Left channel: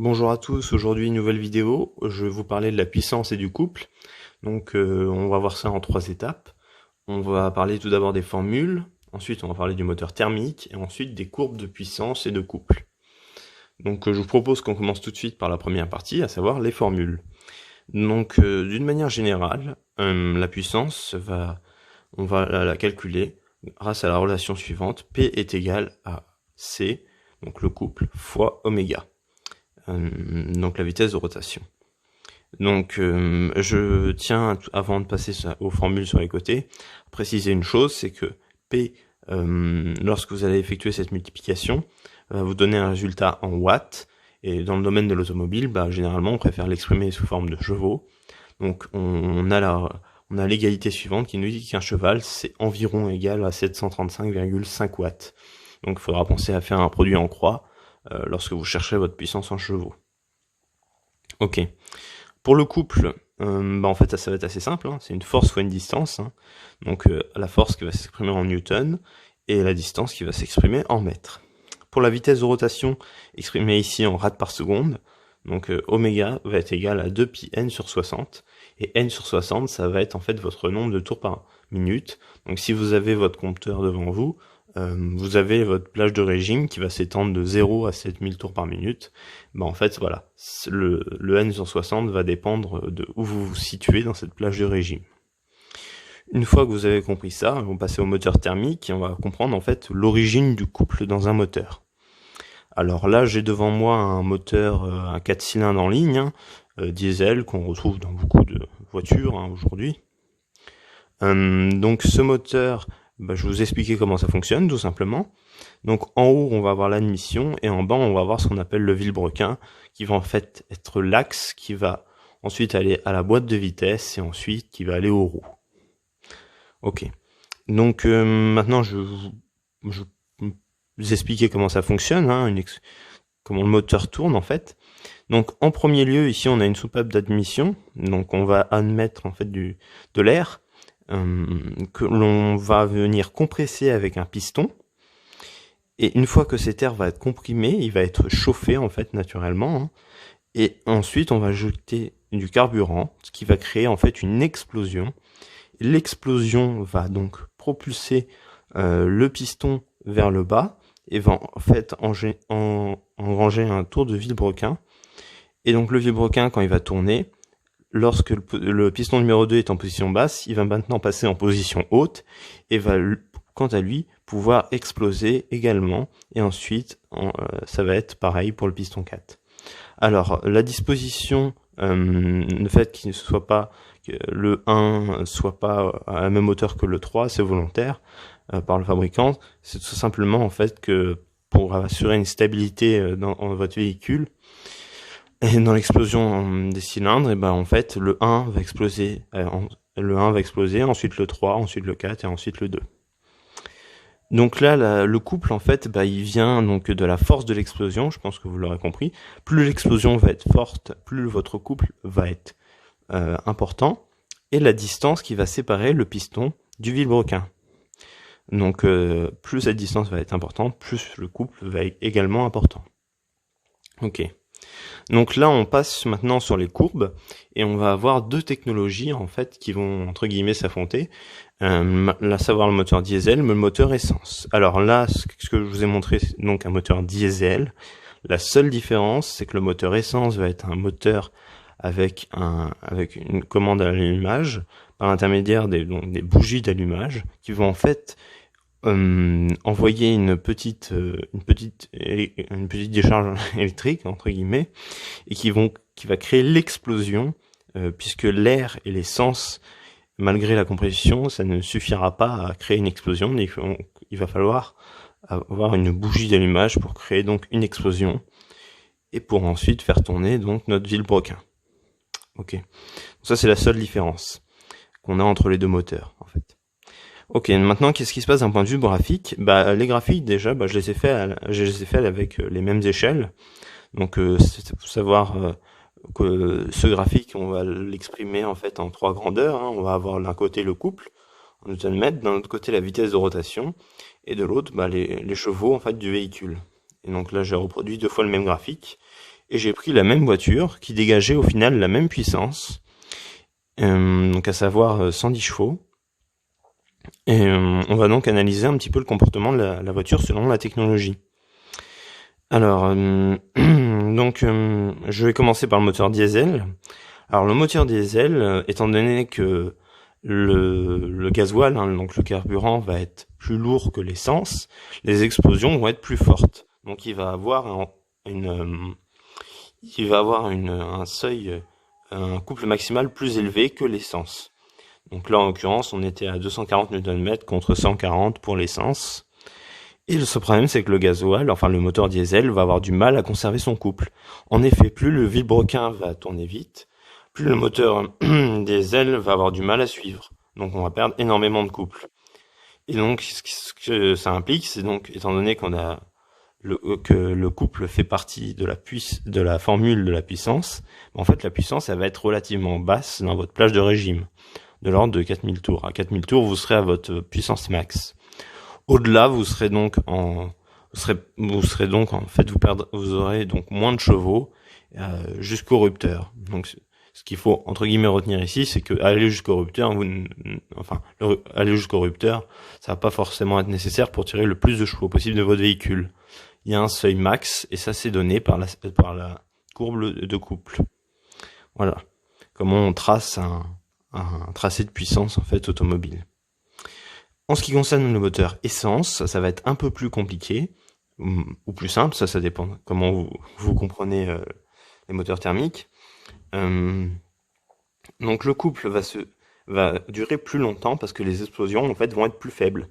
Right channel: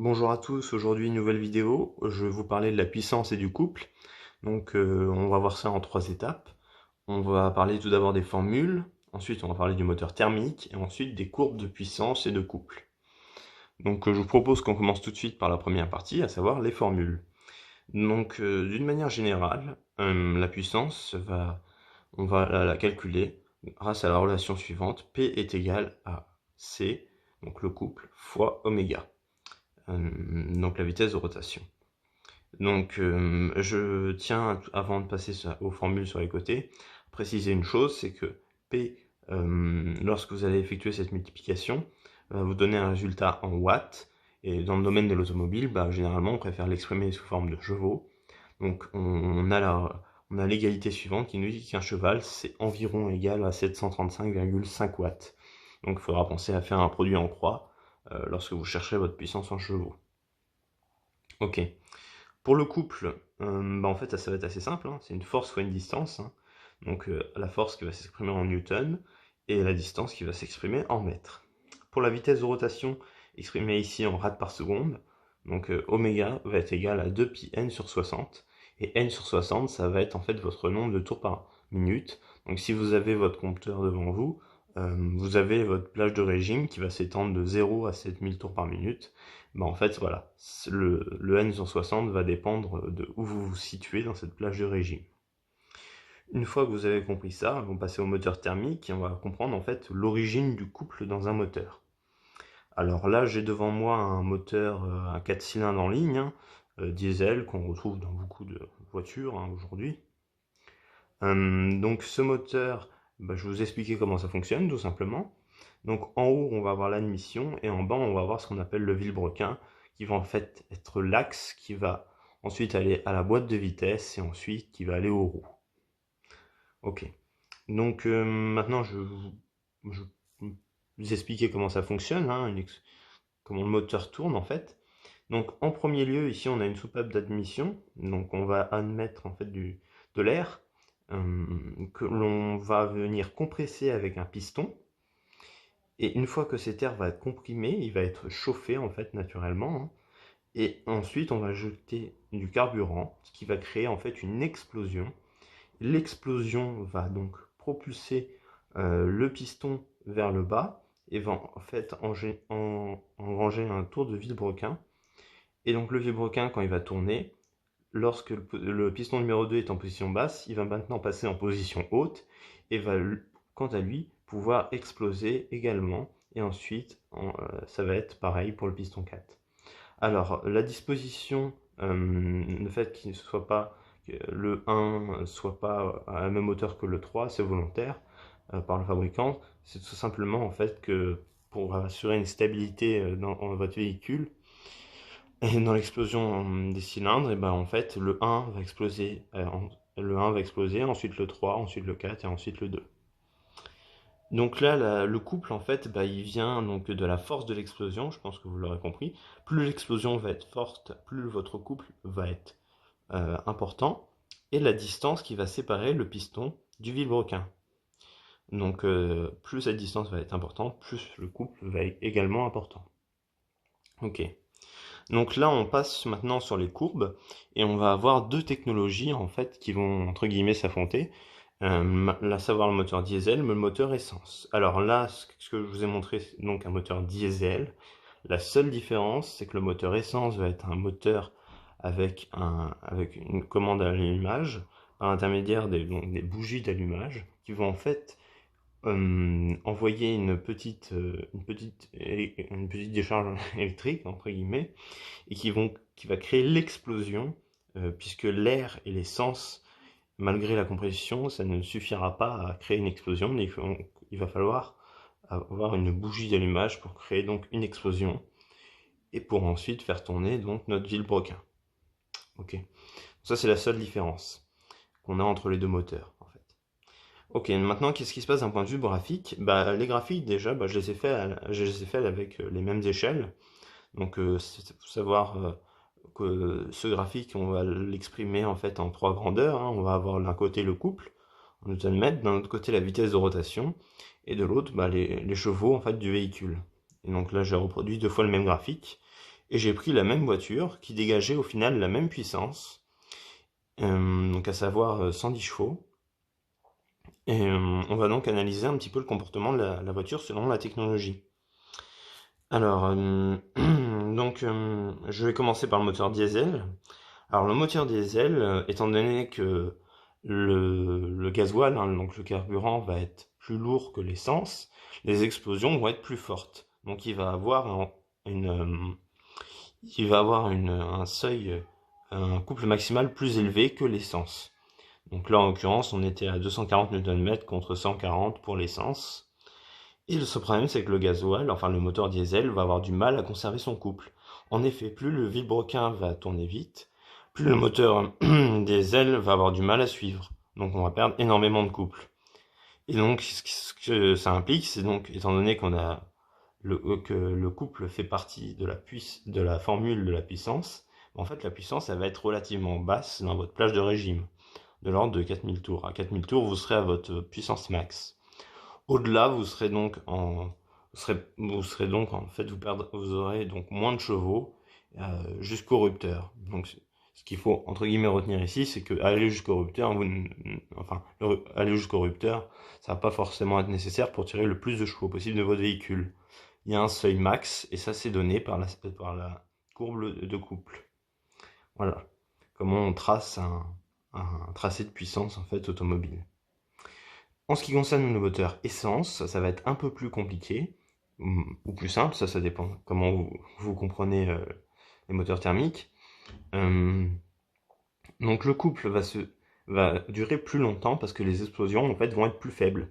Bonjour à tous, aujourd'hui une nouvelle vidéo, je vais vous parler de la puissance et du couple. On va voir ça en trois étapes. On va parler tout d'abord des formules, ensuite on va parler du moteur thermique et ensuite des courbes de puissance et de couple. Je vous propose qu'on commence tout de suite par la première partie, à savoir les formules. D'une manière générale, la puissance, on va la calculer grâce à la relation suivante, P est égal à C, donc le couple, fois oméga. Donc la vitesse de rotation. Je tiens, avant de passer aux formules sur les côtés, à préciser une chose, c'est que P, lorsque vous allez effectuer cette multiplication, va vous donner un résultat en watts, et dans le domaine de l'automobile, généralement on préfère l'exprimer sous forme de chevaux. Donc on a l'égalité suivante qui nous dit qu'un cheval c'est environ égal à 735,5 watts. Donc il faudra penser à faire un produit en croix lorsque vous cherchez votre puissance en chevaux. Ok. Pour le couple, en fait ça va être assez simple, c'est une force fois une distance. La force qui va s'exprimer en newton et la distance qui va s'exprimer en mètres. Pour la vitesse de rotation exprimée ici en rad par seconde, oméga va être égal à 2pi n sur 60, et n sur 60 ça va être en fait votre nombre de tours par minute. Donc si vous avez votre compteur devant vous, vous avez votre plage de régime qui va s'étendre de 0 à 7000 tours par minute. En fait voilà, le n sur 60 va dépendre de où vous vous situez dans cette plage de régime. Une fois que vous avez compris ça, on va passer au moteur thermique et on va comprendre en fait l'origine du couple dans un moteur. Alors là, j'ai devant moi un moteur à 4 cylindres en ligne, diesel, qu'on retrouve dans beaucoup de voitures aujourd'hui. Donc ce moteur, je vais vous expliquer comment ça fonctionne tout simplement. Donc en haut, on va avoir l'admission et en bas, on va avoir ce qu'on appelle le vilebrequin, qui va en fait être l'axe qui va ensuite aller à la boîte de vitesse et ensuite qui va aller aux roues. Ok. Maintenant, je vais vous expliquer comment ça fonctionne, comment le moteur tourne en fait. Donc en premier lieu, ici, on a une soupape d'admission. Donc on va admettre en fait de l'air que l'on va venir compresser avec un piston. Et une fois que cet air va être comprimé, il va être chauffé en fait naturellement. Et ensuite, on va jeter du carburant, ce qui va créer en fait une explosion. L'explosion va donc propulser le piston vers le bas et va en fait engranger un tour de vilebrequin. Et donc le vilebrequin, quand il va tourner, lorsque le piston numéro 2 est en position basse, il va maintenant passer en position haute et va, quant à lui, pouvoir exploser également. Et ensuite, ça va être pareil pour le piston 4. Alors, la disposition, le fait qu'il ne soit pas, que le 1 soit pas à la même hauteur que le 3, c'est volontaire par le fabricant. C'est tout simplement en fait que pour assurer une stabilité dans votre véhicule, et dans l'explosion des cylindres, en fait, le 1 va exploser, ensuite le 3, ensuite le 4 et ensuite le 2. Donc là, le couple, en fait, il vient donc de la force de l'explosion, je pense que vous l'aurez compris. Plus l'explosion va être forte, plus votre couple va être important, et la distance qui va séparer le piston du vilebrequin. Donc plus cette distance va être importante, plus le couple va être également important. Ok. Donc là, on passe maintenant sur les courbes et on va avoir deux technologies en fait qui vont entre guillemets s'affronter. Là, savoir le moteur diesel, mais le moteur essence. Alors là, ce que je vous ai montré, c'est donc un moteur diesel. La seule différence, c'est que le moteur essence va être un moteur avec une commande à l'allumage par l'intermédiaire des bougies d'allumage qui vont en fait envoyer une petite décharge électrique entre guillemets et qui va créer l'explosion puisque l'air et l'essence, malgré la compression, ça ne suffira pas à créer une explosion. Il va falloir avoir une bougie d'allumage pour créer donc une explosion et pour ensuite faire tourner donc notre vilebrequin. Ok, ça c'est la seule différence qu'on a entre les deux moteurs en fait. Ok, maintenant qu'est-ce qui se passe d'un point de vue graphique? Les graphiques déjà, je les ai faits avec les mêmes échelles. Donc faut savoir que ce graphique, on va l'exprimer en fait en trois grandeurs. On va avoir d'un côté le couple en Newton-mètre, d'un autre côté la vitesse de rotation, et de l'autre les chevaux en fait du véhicule. Et donc là j'ai reproduit deux fois le même graphique. et j'ai pris la même voiture qui dégageait au final la même puissance, donc à savoir 110 chevaux. Et on va donc analyser un petit peu le comportement de la voiture selon la technologie. Alors, donc, je vais commencer par le moteur diesel. Alors, le moteur diesel, étant donné que le gasoil, hein, donc le carburant, va être plus lourd que l'essence, les explosions vont être plus fortes. Donc, il va avoir un seuil, un couple maximal plus élevé que l'essence. Donc là, en l'occurrence, on était à 240 Nm contre 140 pour l'essence. Et le seul problème, c'est que le gasoil, enfin le moteur diesel, va avoir du mal à conserver son couple. En effet, plus le vilebrequin va tourner vite, plus le moteur diesel va avoir du mal à suivre. Donc on va perdre énormément de couple. Et donc, ce que ça implique, c'est donc, étant donné que le couple fait partie de la formule de la puissance, en fait, la puissance, elle va être relativement basse dans votre plage de régime, de l'ordre de 4000 tours. À 4000 tours, vous serez à votre puissance max. Au-delà, vous serez donc en fait, vous aurez donc moins de chevaux jusqu'au rupteur. Donc, ce qu'il faut entre guillemets retenir ici, c'est que aller jusqu'au rupteur, aller jusqu'au rupteur, ça va pas forcément être nécessaire pour tirer le plus de chevaux possible de votre véhicule. Il y a un seuil max et ça c'est donné par la courbe de couple. Voilà, comment on trace un tracé de puissance en fait automobile. En ce qui concerne le moteur essence, ça va être un peu plus compliqué, ou plus simple, ça dépend comment vous comprenez les moteurs thermiques. Donc le couple va durer plus longtemps parce que les explosions en fait vont être plus faibles.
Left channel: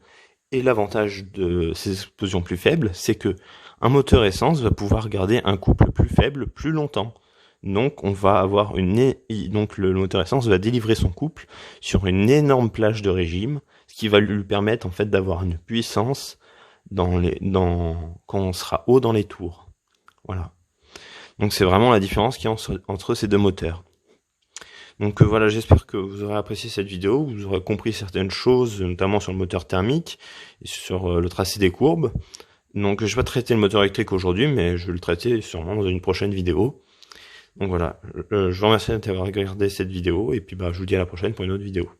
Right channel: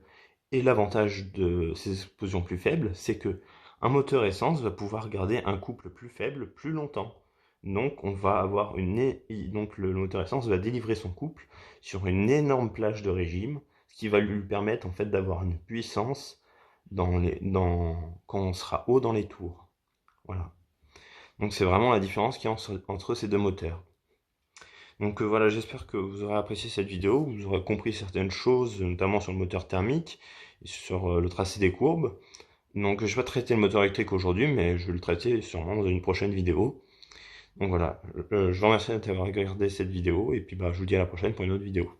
Et l'avantage de ces explosions plus faibles, c'est que un moteur essence va pouvoir garder un couple plus faible plus longtemps. Donc on va avoir donc le moteur essence va délivrer son couple sur une énorme plage de régime, ce qui va lui permettre en fait d'avoir une puissance quand on sera haut dans les tours. Voilà. Donc c'est vraiment la différence qu'il y a entre ces deux moteurs. Donc voilà, j'espère que vous aurez apprécié cette vidéo, vous aurez compris certaines choses, notamment sur le moteur thermique et sur le tracé des courbes. Donc je vais pas traiter le moteur électrique aujourd'hui, mais je vais le traiter sûrement dans une prochaine vidéo. Donc voilà, je vous remercie d'avoir regardé cette vidéo, et puis je vous dis à la prochaine pour une autre vidéo.